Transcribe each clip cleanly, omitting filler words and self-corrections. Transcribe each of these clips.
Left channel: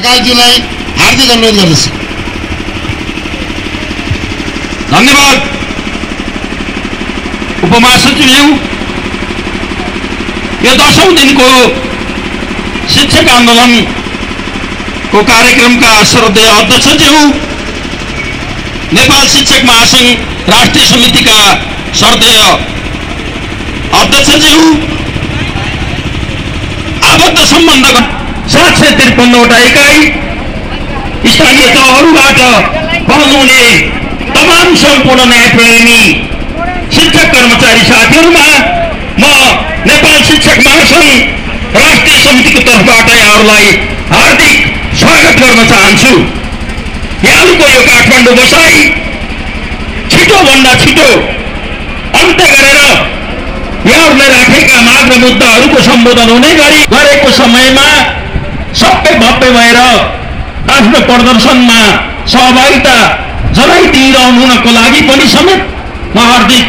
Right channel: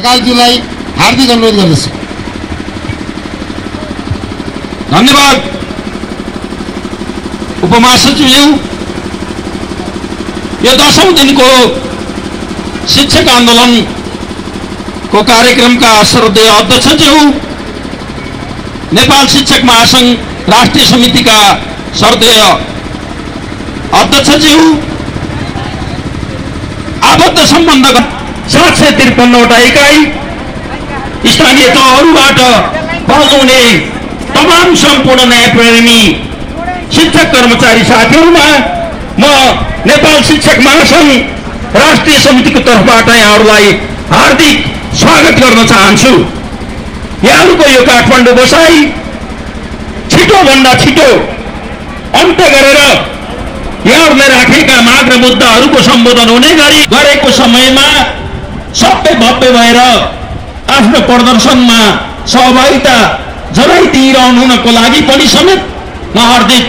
ढकालज्यूलाई हार्दिक अनुरोध गर्दछु। धन्यवाद उपमहासचिवज्यू। यो 10औं दिनको शिक्षक आन्दोलनको कार्यक्रमका श्रद्धेय अध्यक्षज्यू, नेपाल शिक्षक महासंघ राष्ट्रिय समितिका श्रद्धेय अध्यक्षज्यू, आबद्ध सम्बन्धका 753वटा इकाइ स्थानीय तहहरूबाट पहुँचाउने तमाम सम्पूर्ण न्यायप्रेमी शिक्षक कर्मचारी साथीहरूमा म नेपाल शिक्षक महासंघ राष्ट्रिय समितिको तर्फबाट यहाँहरूलाई हार्दिक स्वागत गर्न चाहन्छु। यहाँहरूको यो काठमाडौँ बसाई छिटोभन्दा छिटो अन्त्य गरेर यहाँहरूले राखेका माग र मुद्दाहरूको सम्बोधन हुने गरी गरेको समयमा सबै भव्य भएर आफ्नो प्रदर्शनमा सहभागिता जनाइदिइरहनुको लागि पनि समेत म हार्दिक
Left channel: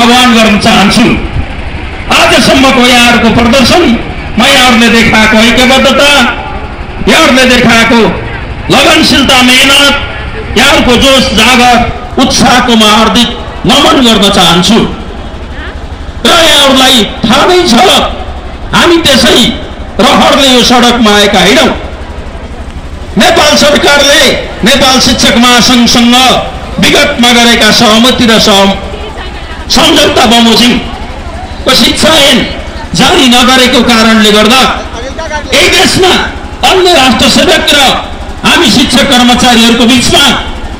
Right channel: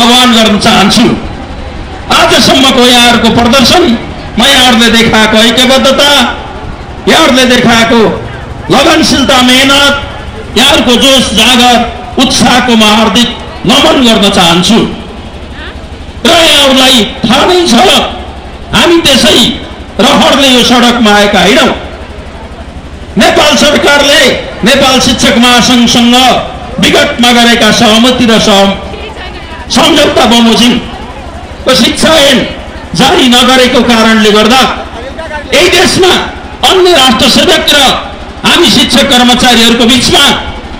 आह्वान गर्न चाहन्छु। आजसम्मको यहाँहरूको प्रदर्शनमा यहाँहरूले देखाएको ऐक्यबद्धता, यहाँहरूले देखाएको लगनशीलता, मेहनत, यहाँहरूको जोश जागर उत्साहको म हार्दिक नमन गर्न चाहन्छु। र यहाँहरूलाई थाहा नै छ हामी त्यसै रहरले यो सडकमा आएका होइनौँ। नेपाल सरकारले नेपाल शिक्षक महासंघसँग विगतमा गरेका सहमति र सम्झौता बमोजिमको शिक्षा ऐन जारी नगरेको कारणले गर्दा यही देशमा अन्य राष्ट्र सेवक र हामी शिक्षक कर्मचारीहरूको बीचमा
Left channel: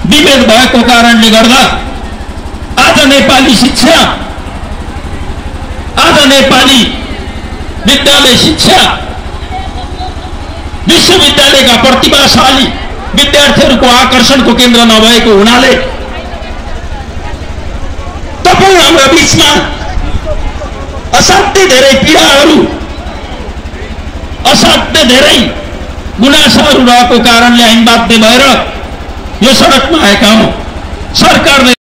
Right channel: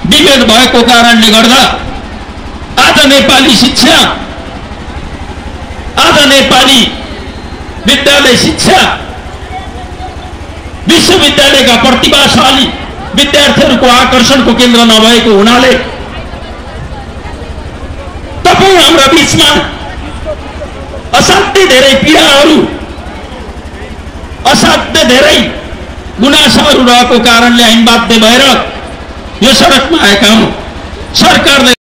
विभेद भएको कारणले गर्दा आज नेपाली शिक्षा, आज नेपाली विद्यालय शिक्षा विश्वविद्यालयका प्रतिभाशाली विद्यार्थीहरूको आकर्षणको केन्द्र नभएको हुनाले तपाईँ हाम्रा बीचमा असाध्य धेरै पीडाहरू, असाध्य धेरै गुनासाहरू रहेको कारणले हामी बाध्य भएर यो सडकमा आएका हौँ। सरकारले